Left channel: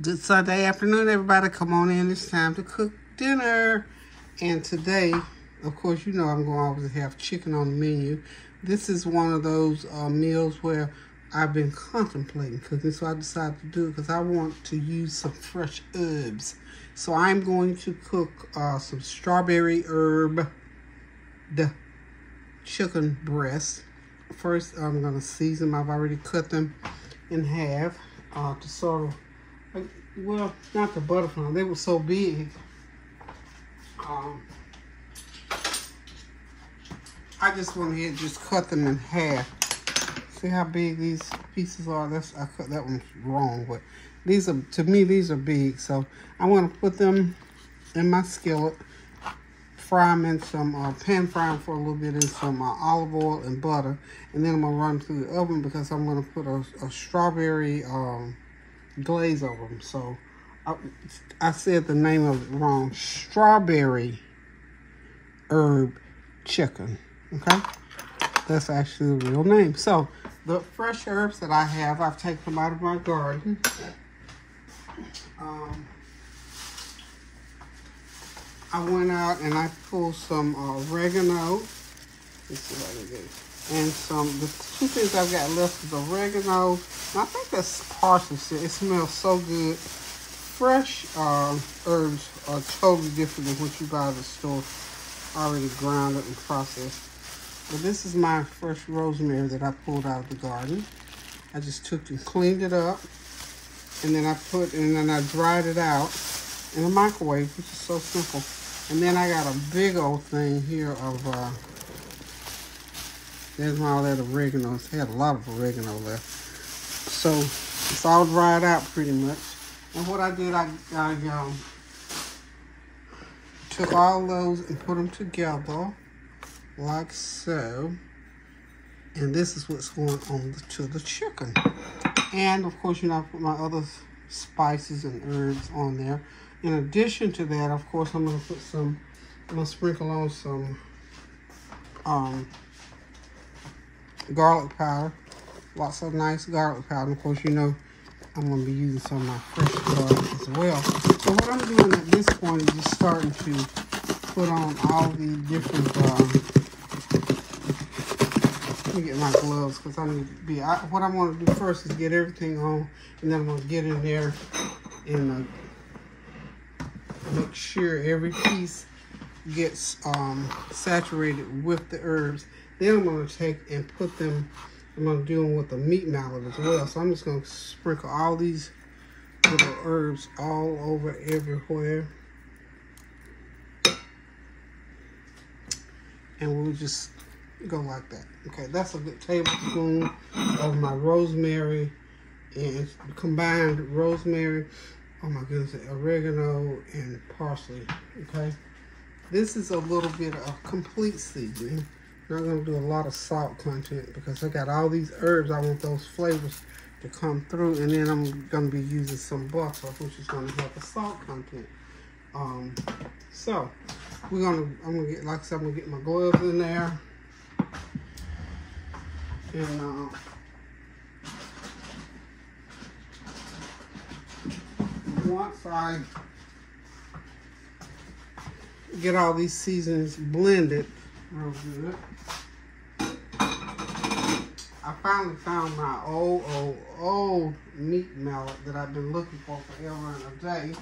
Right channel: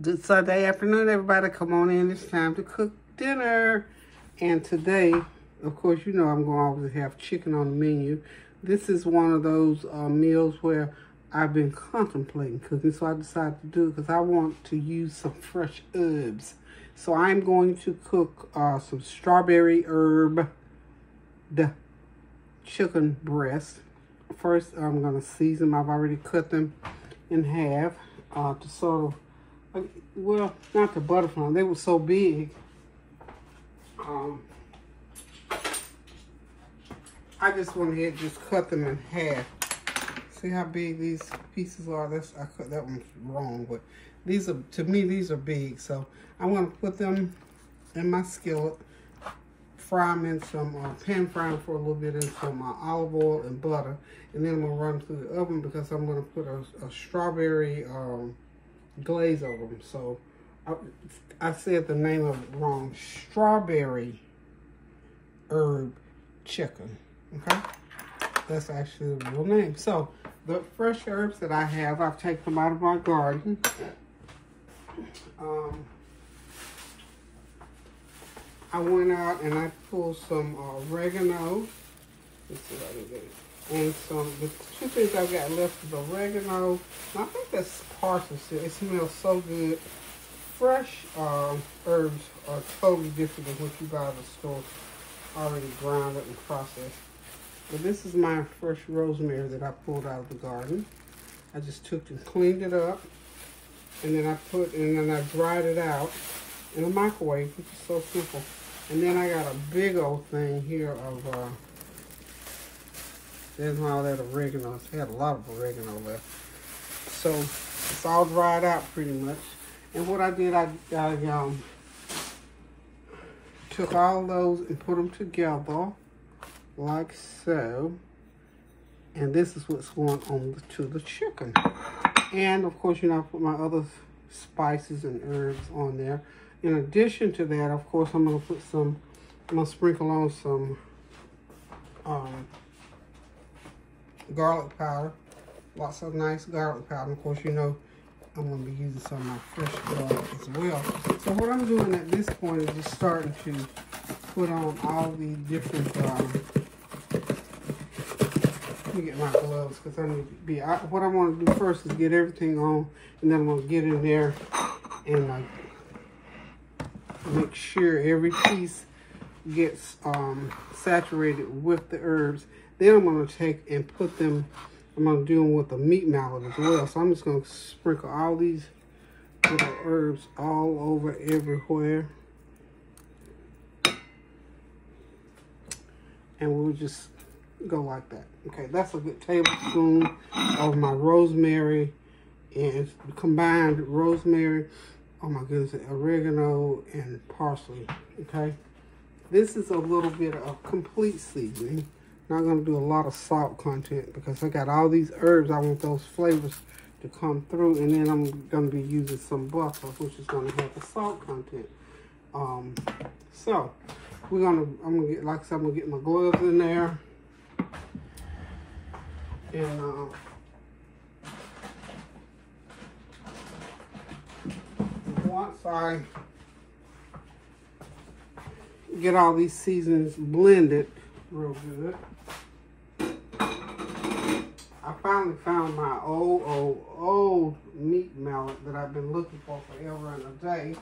Good Sunday afternoon, everybody. Come on in. It's time to cook dinner. And today, of course, you know I'm going to always have chicken on the menu. This is one of those meals where I've been contemplating cooking, so I decided to do it because I want to use some fresh herbs. So I'm going to cook some strawberry herb chicken breast. First, I'm going to season them. I've already cut them in half to sort of, well, not the butterfly. They were so big. I just went ahead and just cut them in half. See how big these pieces are? I cut that one wrong, but these are, to me, these are big. So I'm going to put them in my skillet, fry them in some, pan fry them for a little bit in some olive oil and butter. And then I'm going to run them through the oven because I'm going to put a strawberry glaze over them. So I said the name of it wrong. Strawberry herb chicken. Okay? That's actually the real name. So the fresh herbs that I have, I've taken them out of my garden. I went out and I pulled some oregano. Let's see what it is. And the two things I've got left is oregano. And I think that's parsley. It smells so good. Fresh herbs are totally different than what you buy at the store, already ground up and processed. But this is my fresh rosemary that I pulled out of the garden. I just took and cleaned it up, and then I dried it out in a microwave, which is so simple. And then I got a big old thing here of there's all that oregano. It had a lot of oregano left. So it's all dried out pretty much. And what I did, I took all those and put them together like so. And this is what's going on to the chicken. And of course, you know, I put my other spices and herbs on there. In addition to that, of course, I'm going to sprinkle on some garlic powder. Lots of nice garlic powder. Of course, you know, I'm going to be using some of my fresh garlic as well. So what I'm doing at this point is just starting to put on all the different, let me get my gloves because I need to be, what I want to do first is get everything on, and then I'm going to get in there and make sure every piece gets saturated with the herbs. Then I'm going to take and put them, I'm going to do them with a meat mallet as well. So I'm just going to sprinkle all these little herbs all over everywhere. And we'll just go like that. Okay, that's a good tablespoon of my rosemary and combined rosemary, oh my goodness, oregano and parsley, okay? This is a little bit of complete seasoning. Not going to do a lot of salt content because I got all these herbs. I want those flavors to come through, and then I'm going to be using some butter, which is going to have the salt content. So I'm going to get, like I said, I'm going to get my gloves in there, and once I get all these seasonings blended real good, I finally found my old meat mallet that I've been looking for forever and a day.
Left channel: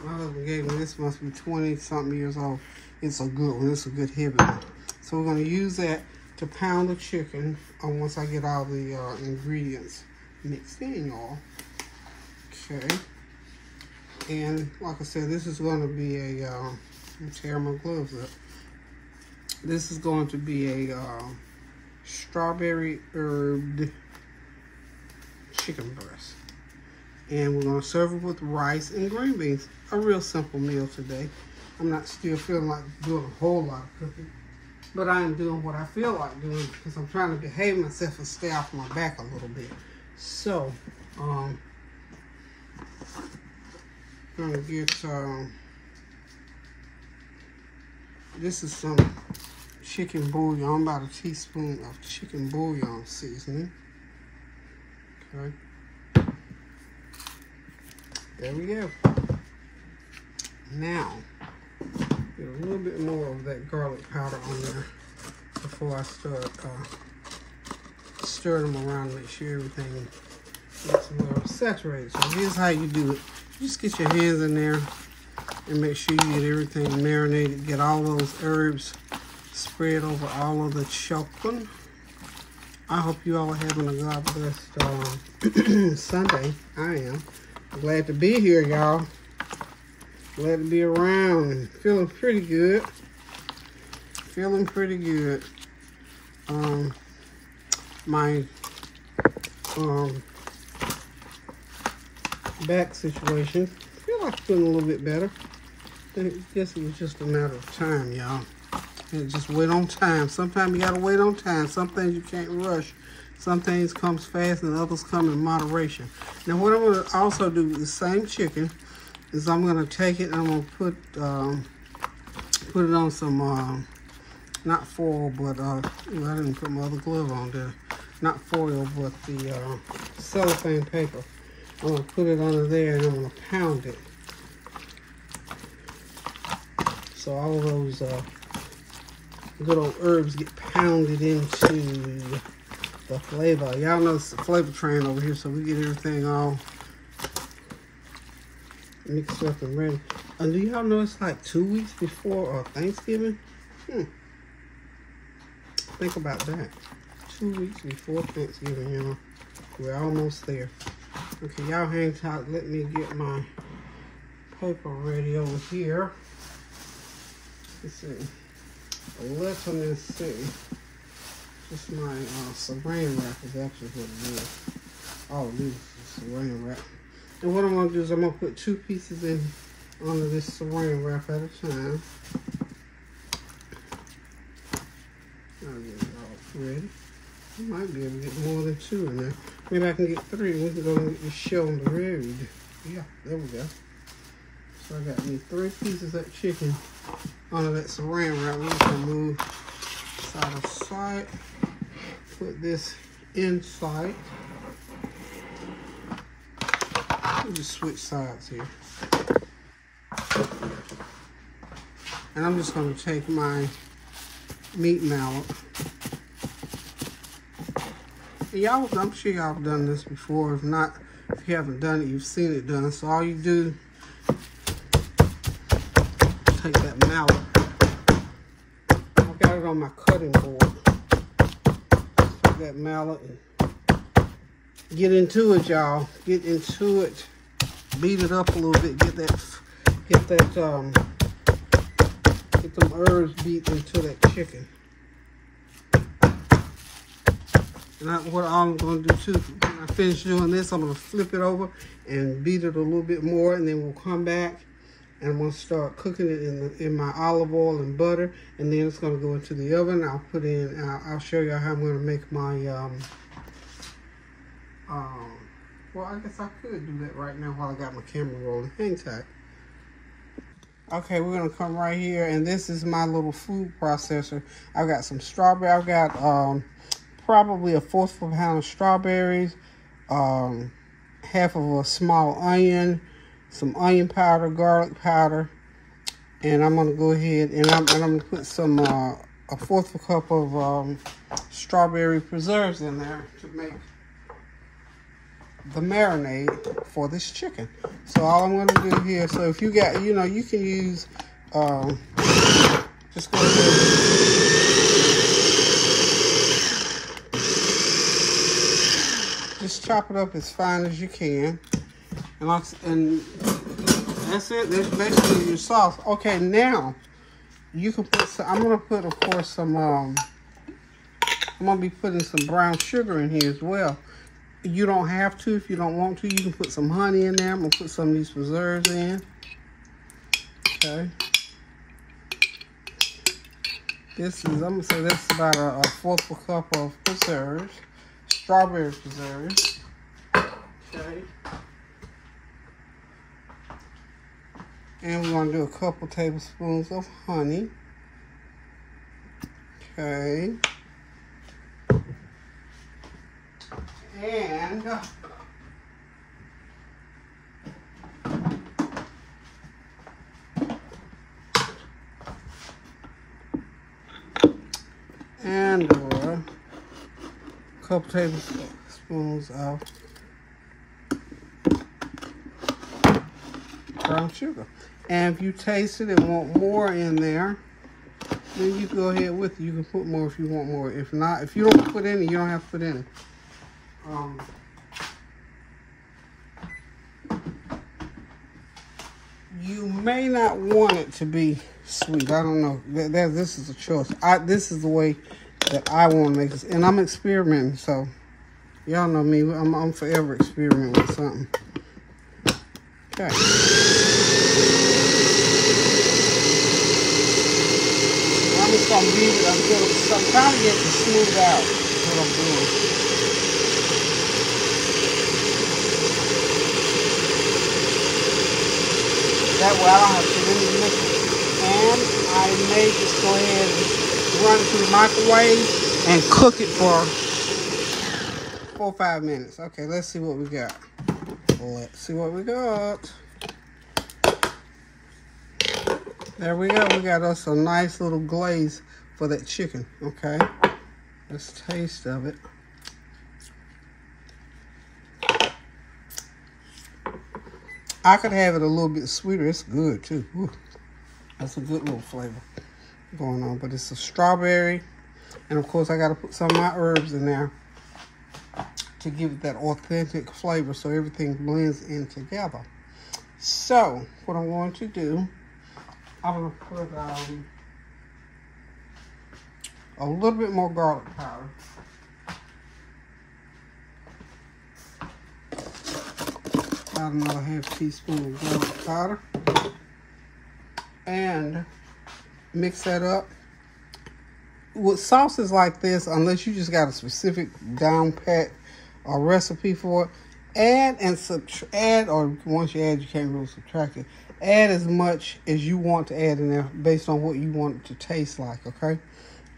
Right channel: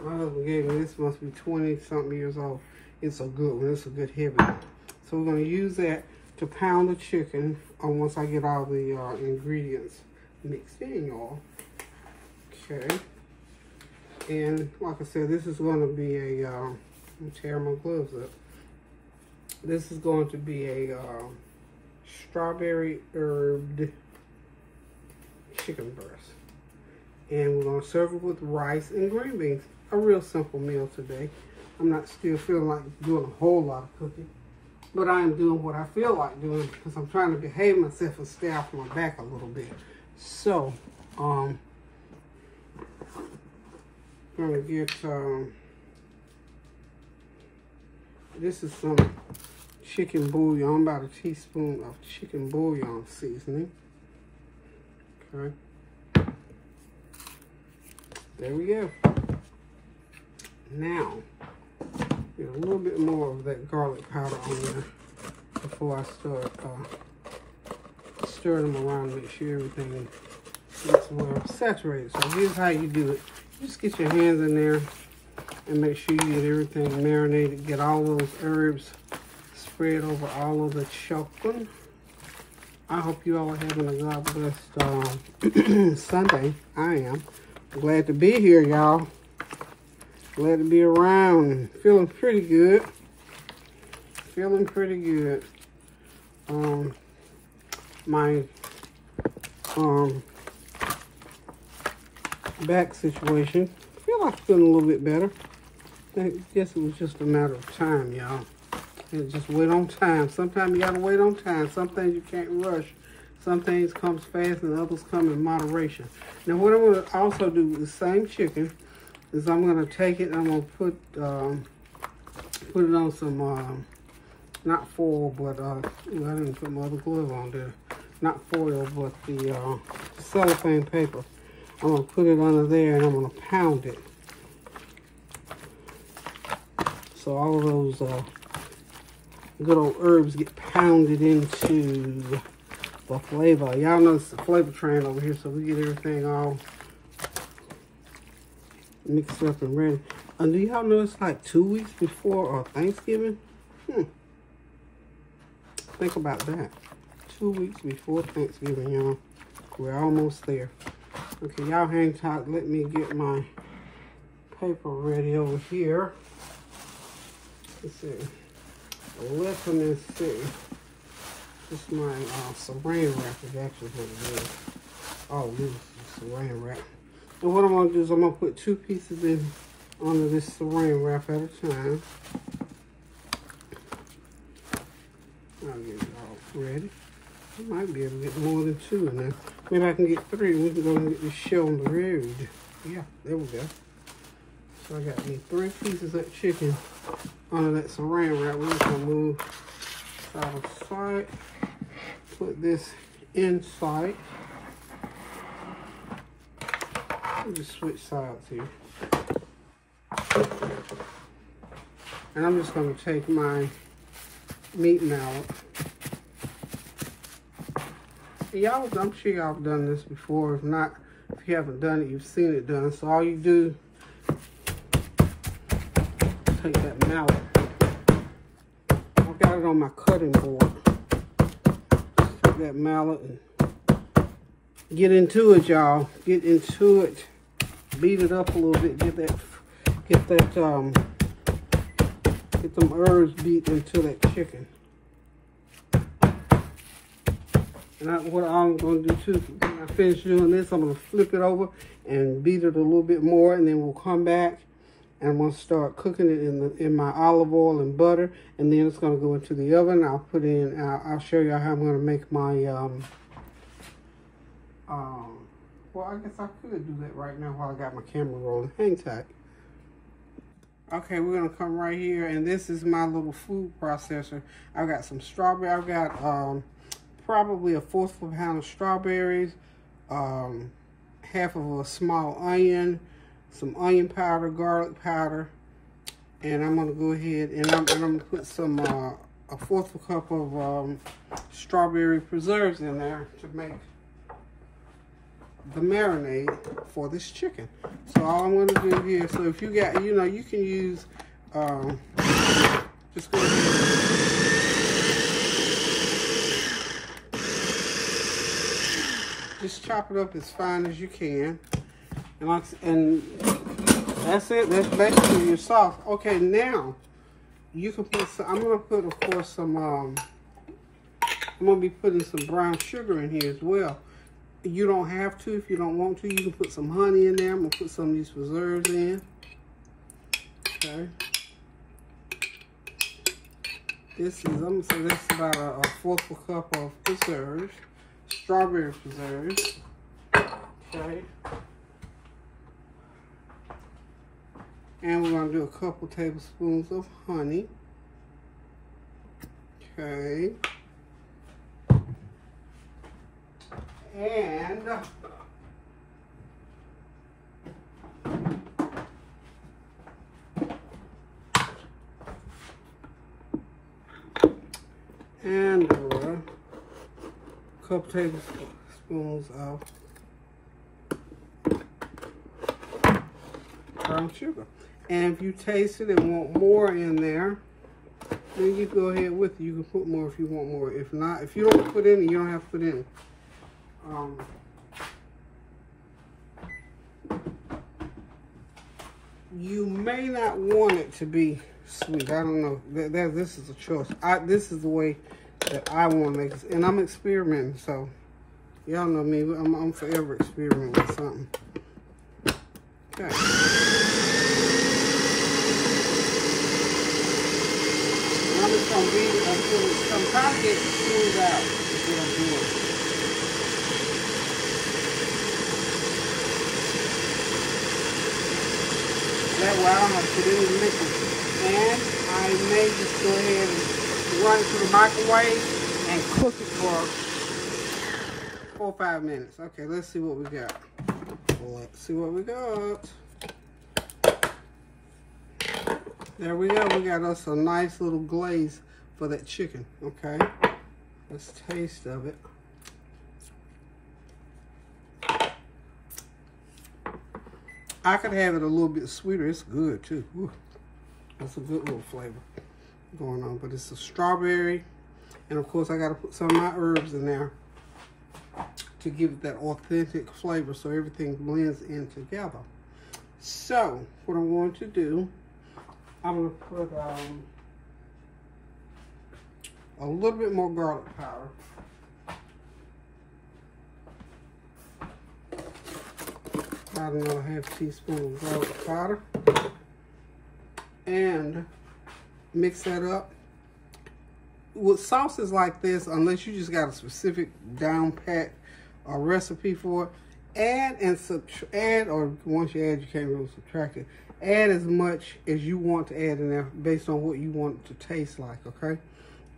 My husband gave me this, must be 20-something years old. It's a good one. It's a good heavy one. So we're going to use that to pound the chicken once I get all the ingredients mixed in, y'all. Okay. And like I said, this is going to be a, let me tear my gloves up. This is going to be a strawberry herb chicken breast. And we're going to serve it with rice and green beans. A real simple meal today. I'm not still feeling like doing a whole lot of cooking, but I am doing what I feel like doing because I'm trying to behave myself and stay off my back a little bit. So, I'm going to get, this is some chicken bouillon, about a teaspoon of chicken bouillon seasoning. Okay. There we go. Now, get a little bit more of that garlic powder on there before I start stirring them around to make sure everything gets well saturated. So here's how you do it. Just get your hands in there and make sure you get everything marinated. Get all those herbs spread over all of the chicken. I hope you all are having a God blessed Sunday. I am. Glad to be here, y'all. Glad to be around. Feeling pretty good. Feeling pretty good. My back situation. I feel like feeling a little bit better. I guess it was just a matter of time, y'all. Just wait on time. Sometimes you gotta wait on time. Some things you can't rush. Some things comes fast and others come in moderation. Now what I'm gonna also do with the same chicken is I'm gonna take it and I'm gonna put it on some not foil, but I didn't put my other glove on there. Not foil, but the cellophane paper. I'm gonna put it under there and I'm gonna pound it. So all of those good old herbs get pounded into the flavor. Y'all know it's the flavor train over here, so we get everything all mixed up and ready. And do y'all know it's like 2 weeks before Thanksgiving? Think about that. 2 weeks before Thanksgiving, y'all. We're almost there. Okay, y'all hang tight. Let me get my paper ready over here. Let's see. Let me see. This is my saran wrap is actually what it is. Oh, this is saran wrap. And what I'm going to do is I'm going to put 2 pieces in onto this saran wrap at a time. I'll get it all ready. I might be able to get more than 2 in there. Maybe I can get 3 and we can go and get this show on the road. Yeah, there we go. So I got these 3 pieces of chicken under that saran wrap. We're just going to move side of sight. Put this inside. We'll just switch sides here. And I'm just going to take my meat mallet. Y'all, I'm sure y'all have done this before. If not, if you haven't done it, you've seen it done. So all you do, take that mallet. I got it on my cutting board. Take that mallet and get into it, y'all. Get into it. Beat it up a little bit. Get them herbs beat into that chicken. And what I'm going to do too, when I finish doing this, I'm going to flip it over and beat it a little bit more, and then we'll come back and I'm going to start cooking it in my olive oil and butter, and then it's going to go into the oven. I'll put in, I'll show you how I'm going to make my, well, I guess I could do that right now while I got my camera rolling. Hang tight. Okay, we're going to come right here, and this is my little food processor. I've got some strawberry. I've got probably 1/4 of a pound of strawberries, half of a small onion, some onion powder, garlic powder, and I'm going to go ahead and I'm going to put some 1/4 cup of strawberry preserves in there to make the marinade for this chicken. So all I'm going to do here, so if you got, you know, you can use, just go ahead just chop it up as fine as you can. And that's it. That's basically your sauce. Okay, now you can put some, I'm going to put, of course, some, I'm going to be putting some brown sugar in here as well. You don't have to if you don't want to. You can put some honey in there. I'm going to put some of these preserves in. Okay. This is, I'm going to say that's about a 1/4 cup of preserves. Strawberry preserves. Okay. And we're going to do a couple tablespoons of honey. Okay. And couple tablespoons of brown sugar. And if you taste it and want more in there, then you go ahead with it. You can put more if you want more. If not, if you don't put any, you don't have to put any. You may not want it to be sweet. I don't know. This is a choice. This is the way that I want to make this, and I'm experimenting. So y'all know me. I'm forever experimenting with something. Okay. I'm just gonna beat it until I'm trying to get it smoothed out. That's what I'm doing. That way I don't have to put any liquid. And I may just go ahead and run it through the microwave and cook it for 4 or 5 minutes. Okay, let's see what we got. Let's see what we got. There we go. We got us a nice little glaze for that chicken. Okay, let's taste of it. I could have it a little bit sweeter. It's good too. Ooh, that's a good little flavor going on. But it's a strawberry, and of course I got to put some of my herbs in there to give it that authentic flavor, so everything blends in together. So what I'm going to do, I'm going to put a little bit more garlic powder. About another ½ teaspoon of garlic powder, and mix that up. With sauces like this, unless you just got a specific down pat or recipe for it, add, or once you add, you can't really subtract it. Add as much as you want to add in there based on what you want it to taste like. Okay,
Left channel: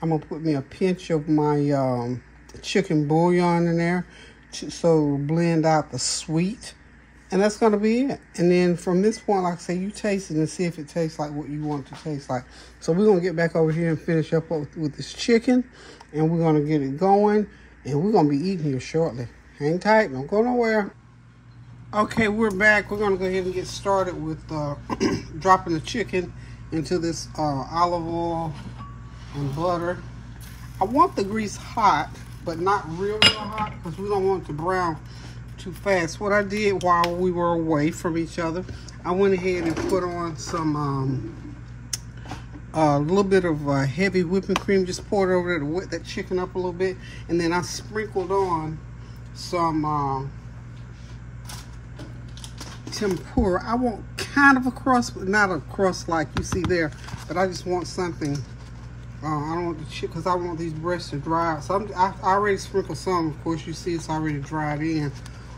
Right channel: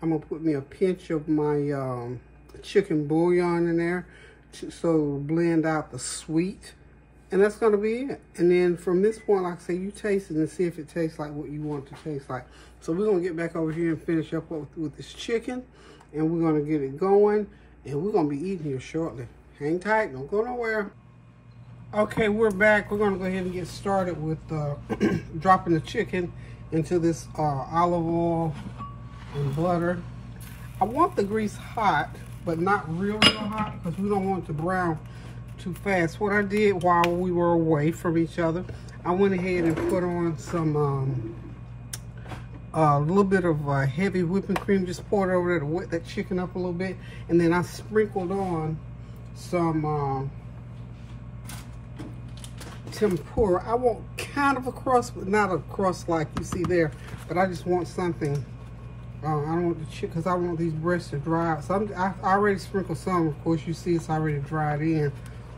I'm gonna put me a pinch of my chicken bouillon in there so it'll blend out the sweet. And that's going to be it. And then from this point, like I say, you taste it and see if it tastes like what you want it to taste like. So we're going to get back over here and finish up with this chicken. And we're going to get it going. And we're going to be eating here shortly. Hang tight. Don't go nowhere. Okay, we're back. We're going to go ahead and get started with dropping the chicken into this olive oil and butter. I want the grease hot, but not real hot, because we don't want it to brown too fast. What I did while we were away from each other, I went ahead and put on some a little bit of heavy whipping cream, just poured it over there to wet that chicken up a little bit, and then I sprinkled on some tempura. I want kind of a crust, but not a crust like you see there, but I just want something. I don't want the chicken, because I want these breasts to dry out. So I already sprinkled some. Of course, you see it's already dried in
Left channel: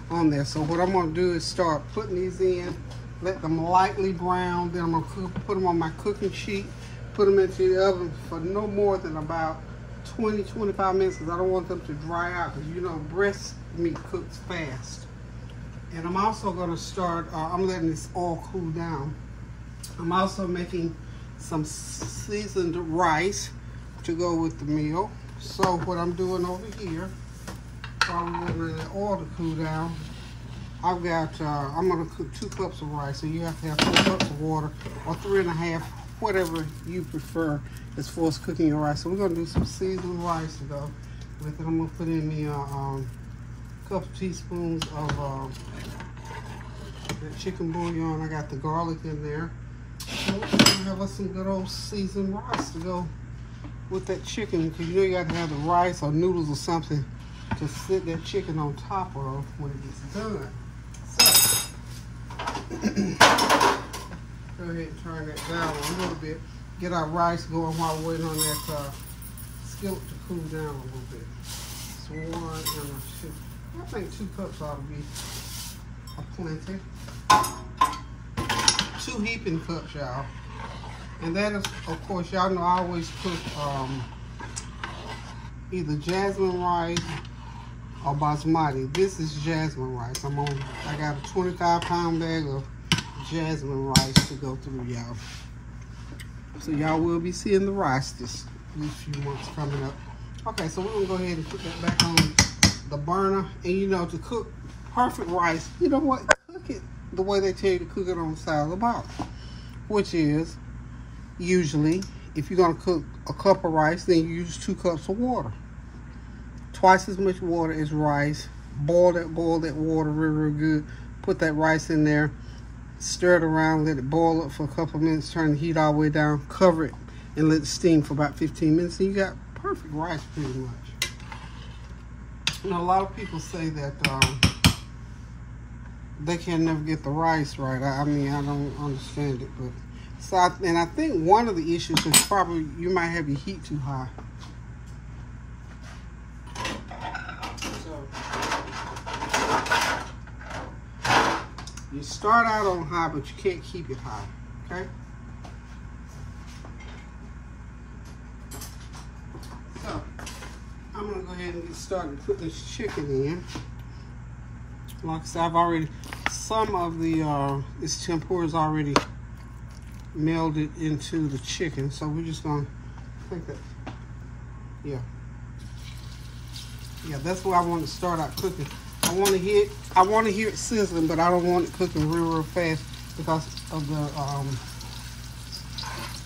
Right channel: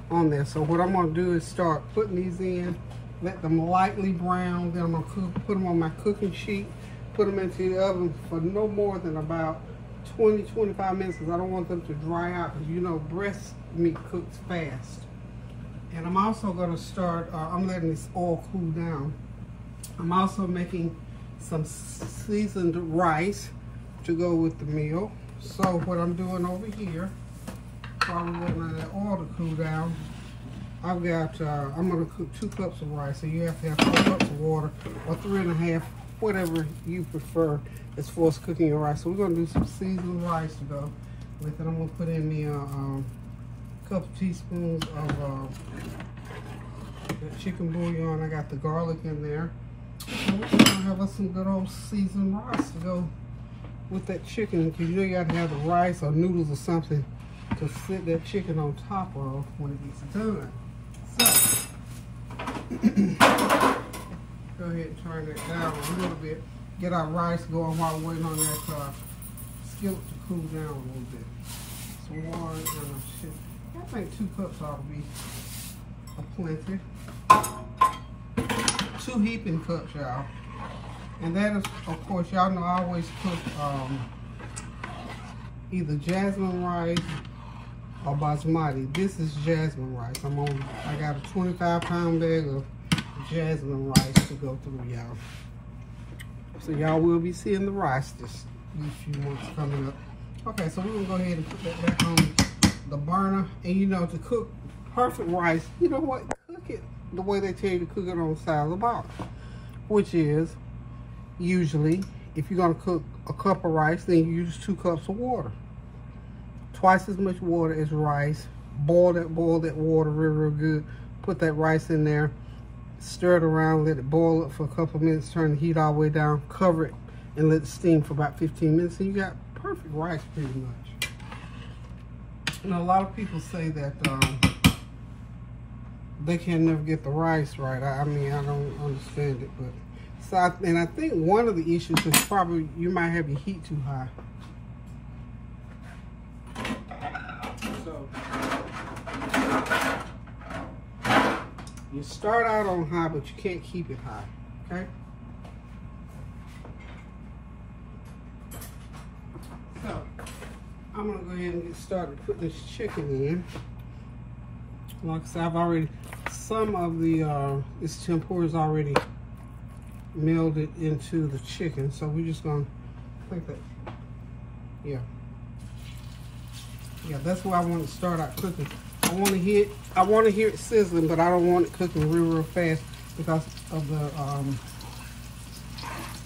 on there. So what I'm going to do is start putting these in, let them lightly brown. Then I'm going to put them on my cooking sheet, put them into the oven for no more than about 20-25 minutes, because I don't want them to dry out, because you know breast meat cooks fast. And I'm also going to start, I'm letting this all cool down. I'm also making some seasoned rice to go with the meal. So what I'm doing over here, while we're letting that oil to cool down, I've got, I'm going to cook 2 cups of rice. So you have to have 4 cups of water, or 3.5, whatever you prefer as far as cooking your rice. So we're going to do some seasoned rice to go with it. I'm going to put in me a couple teaspoons of the chicken bouillon. I got the garlic in there. And we're going to have us some good old seasoned rice to go with that chicken, because you know you got to have the rice or noodles or something to sit that chicken on top of when it gets done. So, go ahead and turn that down a little bit. Get our rice going while we're waiting on that skillet to cool down a little bit. So I think 2 cups ought to be plenty. 2 heaping cups, y'all. And that is, of course, y'all know I always cook either jasmine rice or basmati. This is jasmine rice. I got a 25-pound bag of jasmine rice to go through, y'all. So y'all will be seeing the rice these few months coming up. Okay, so we're gonna go ahead and put that back on the burner. And you know, to cook perfect rice, you know what? Cook it the way they tell you to cook it on the side of the box, which is usually, if you're gonna cook a cup of rice, then you use 2 cups of water. Twice as much water as rice. Boil that water real good. Put that rice in there, stir it around, let it boil up for a couple of minutes, turn the heat all the way down, cover it, and let it steam for about 15 minutes, and you got perfect rice pretty much. You know, a lot of people say that they can never get the rice right. I mean, I don't understand it, but so I think one of the issues is probably you might have your heat too high. You start out on high, but you can't keep it high, okay? So, I'm gonna go ahead and get started putting this chicken in. Like I said, I've already, some of the, this tempura is already melded into the chicken, so we're just gonna, I think that, yeah, that's where I want to start out cooking. I want to hear it sizzling, but I don't want it cooking real fast because of the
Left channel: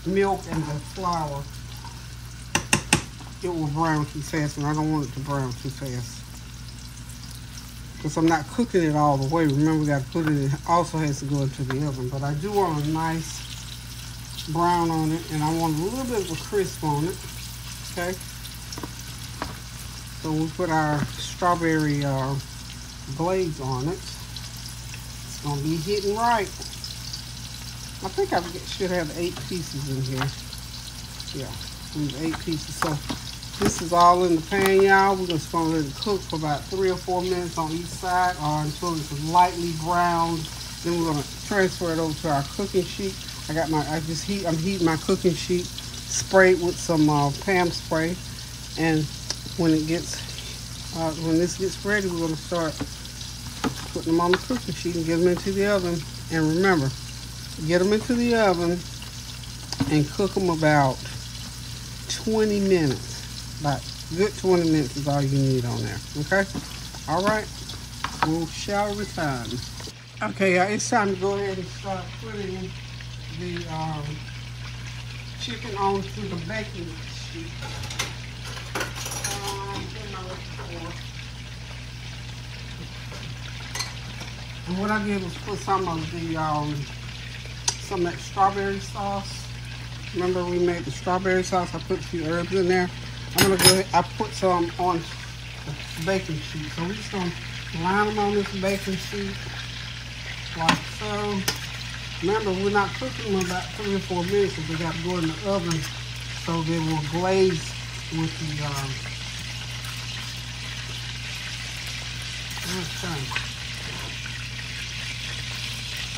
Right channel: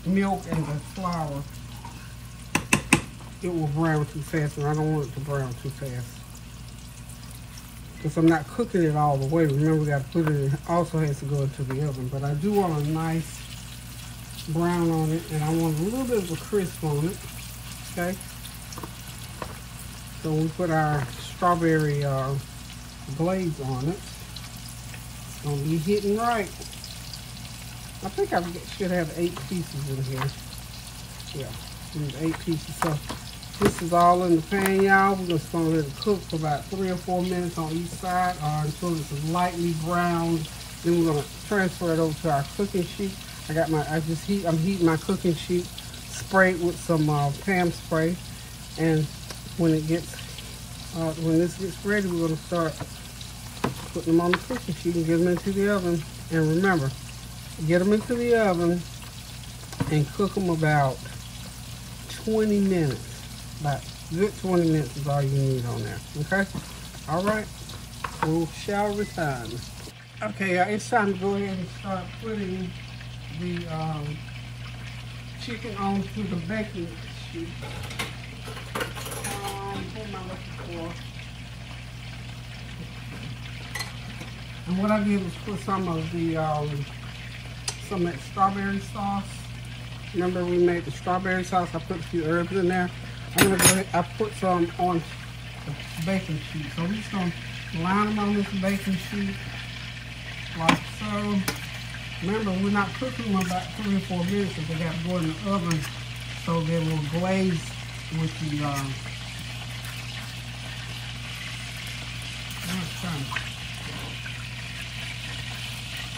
milk and the flour. It will brown too fast, and I don't want it to brown too fast because I'm not cooking it all the way. Remember, we got to put it. It also has to go into the oven, but I do want a nice brown on it, and I want a little bit of a crisp on it. Okay. So we put our strawberry glaze on it. It's gonna be hitting right. I think I should have 8 pieces in here. Yeah, there's 8 pieces. So this is all in the pan, y'all. We're just gonna let it cook for about 3 or 4 minutes on each side, or until it's lightly browned. Then we're gonna transfer it over to our cooking sheet. I'm heating my cooking sheet, sprayed with some Pam spray, and when this gets ready, we're gonna start putting them on the cooking sheet and get them into the oven. And remember, get them into the oven and cook them about 20 minutes. About good 20 minutes is all you need on there, okay? All right, we shall return. Okay, it's time to go ahead and start putting the chicken onto the baking sheet. And what I did was put some of that strawberry sauce. Remember we made the strawberry sauce? I put a few herbs in there. I'm gonna go ahead, I put some on the baking sheet. So we're just gonna line them on this baking sheet like so. Remember, we're not cooking them about 3 or 4 minutes, but they got to go in the oven so they will glaze with the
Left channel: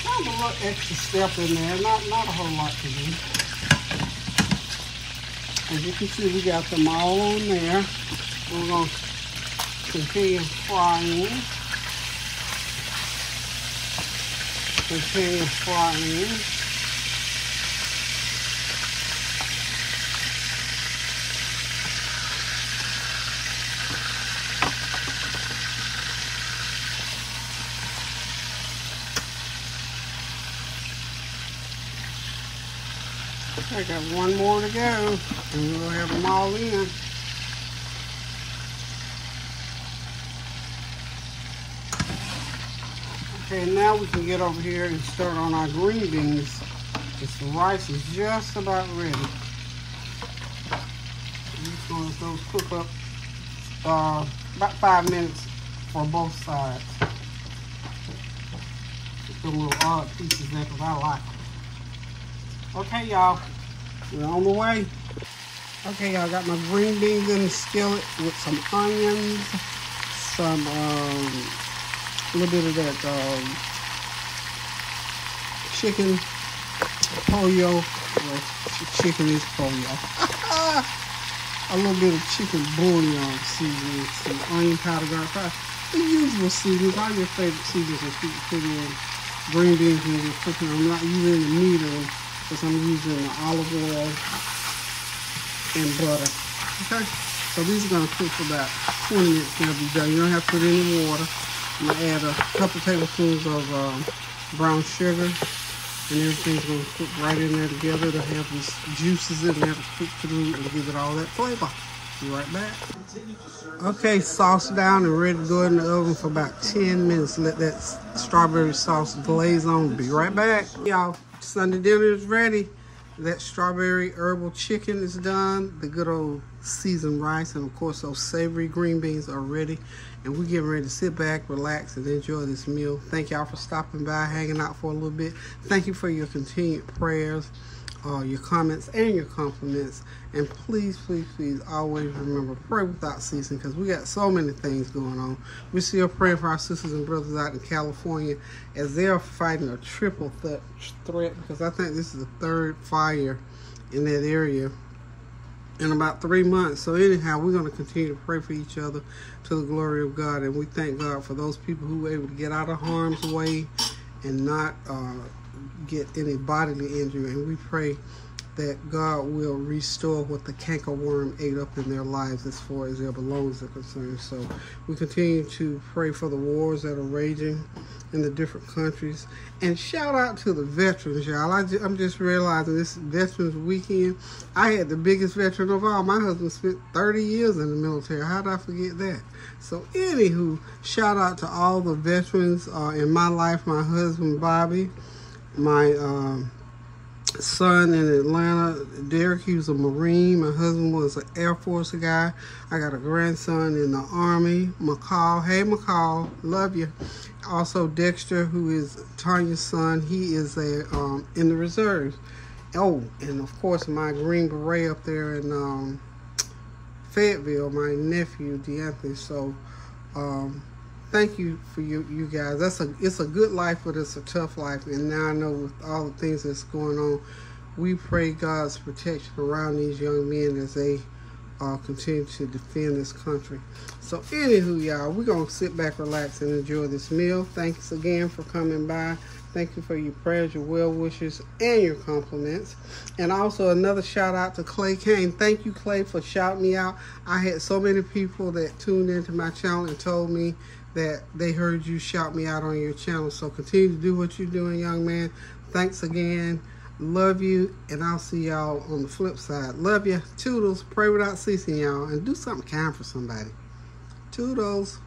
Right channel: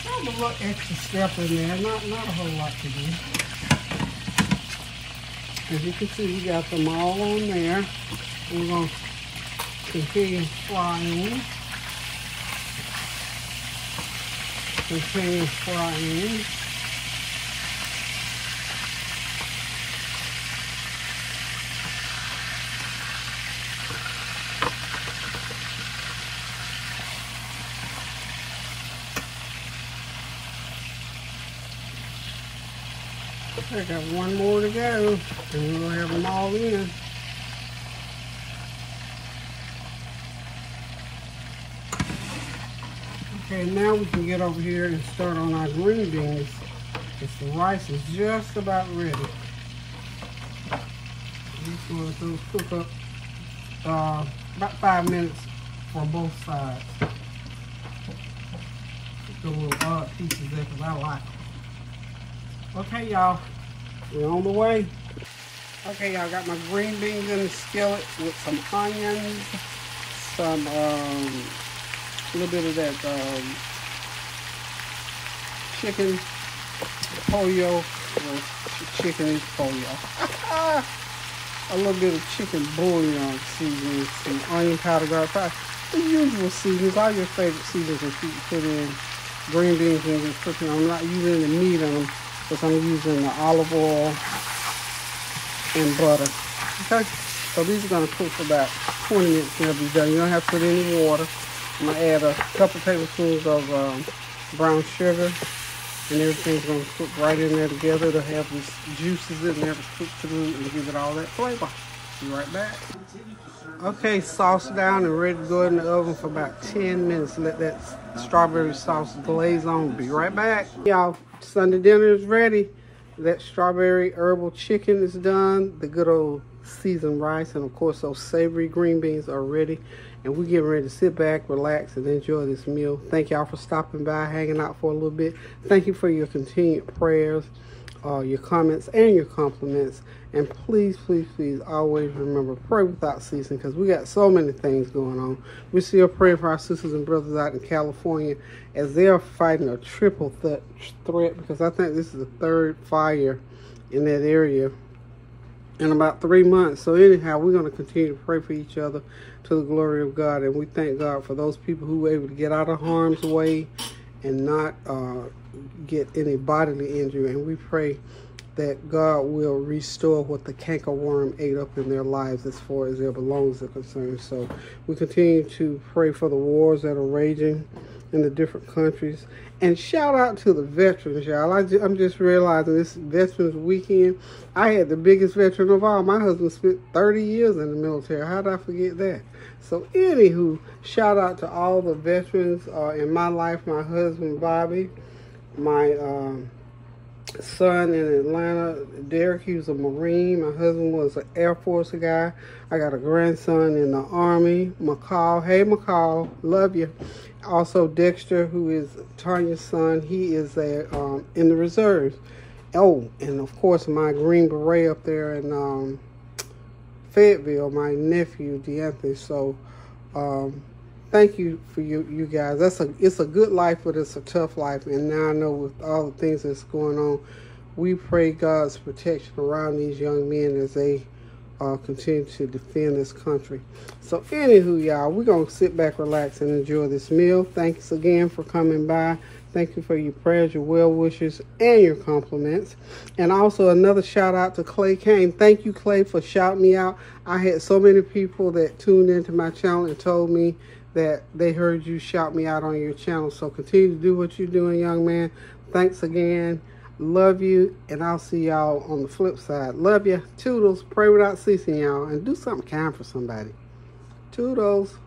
a little extra step in there, not a whole lot to do. As you can see, we got them all on there. We're going to continue frying. Continue frying. I got one more to go, and then we'll have them all in. Okay, now we can get over here and start on our green beans. The rice is just about ready. I'm just going to let those cook up about 5 minutes for both sides. Put the little odd pieces there because I like them. Okay, y'all. We're on the way. Okay, I got my green beans in the skillet with some onions, some a little bit of that chicken pollo. Well, chicken is pollo. A little bit of chicken bouillon seasoning, some onion powder, garlic powder, the usual seasonings, all your favorite seasonings that you can put in green beans when you're cooking. I'm not using the meat on them, because I'm using the olive oil and butter. Okay, So these are gonna cook for about 20 minutes and they'll be done. You don't have to put any water. I'm gonna add a couple tablespoons of brown sugar, and everything's gonna cook right in there together to have these juices in there to cook through and give it all that flavor. Be right back. Okay, sauce down and ready to go in the oven for about 10 minutes. Let that strawberry sauce glaze on. Be right back. Y'all, Sunday dinner is ready. That strawberry herbal chicken is done. The good old seasoned rice, and of course those savory green beans are ready. And we're getting ready to sit back, relax, and enjoy this meal. Thank y'all for stopping by, hanging out for a little bit. Thank you for your continued prayers, your comments, and your compliments. And please, please, please always remember, pray without ceasing, because we got so many things going on. We're still praying for our sisters and brothers out in California as they are fighting a triple threat, because I think this is the third fire in that area in about 3 months. So anyhow, we're going to continue to pray for each other to the glory of God. And we thank God for those people who were able to get out of harm's way and not get any bodily injury. And we pray that God will restore what the cankerworm ate up in their lives as far as their belongings are concerned. So we continue to pray for the wars that are raging in the different countries. And shout out to the veterans, y'all. I'm just realizing this Veterans Weekend, I had the biggest veteran of all. My husband spent 30 years in the military. How did I forget that? So anywho, shout out to all the veterans in my life. My husband, Bobby, my son in Atlanta, Derek, he was a Marine. My husband was an Air Force guy. I got a grandson in the Army, McCall. Hey, McCall, love you. Also, Dexter, who is Tanya's son, he is in the reserves. Oh, and of course, my Green Beret up there in Fayetteville, my nephew, DeAnthony. So, thank you for you guys. It's a good life, but it's a tough life. And now I know with all the things that's going on, we pray God's protection around these young men as they continue to defend this country. So anywho, y'all, we're going to sit back, relax, and enjoy this meal. Thanks again for coming by. Thank you for your prayers, your well wishes, and your compliments. And also another shout out to Clay Kane. Thank you, Clay, for shouting me out. I had so many people that tuned into my channel and told me that they heard you shout me out on your channel. So continue to do what you're doing, young man. Thanks again. Love you, and I'll see y'all on the flip side. Love you. Toodles. Pray without ceasing, y'all, and do something kind for somebody. Toodles.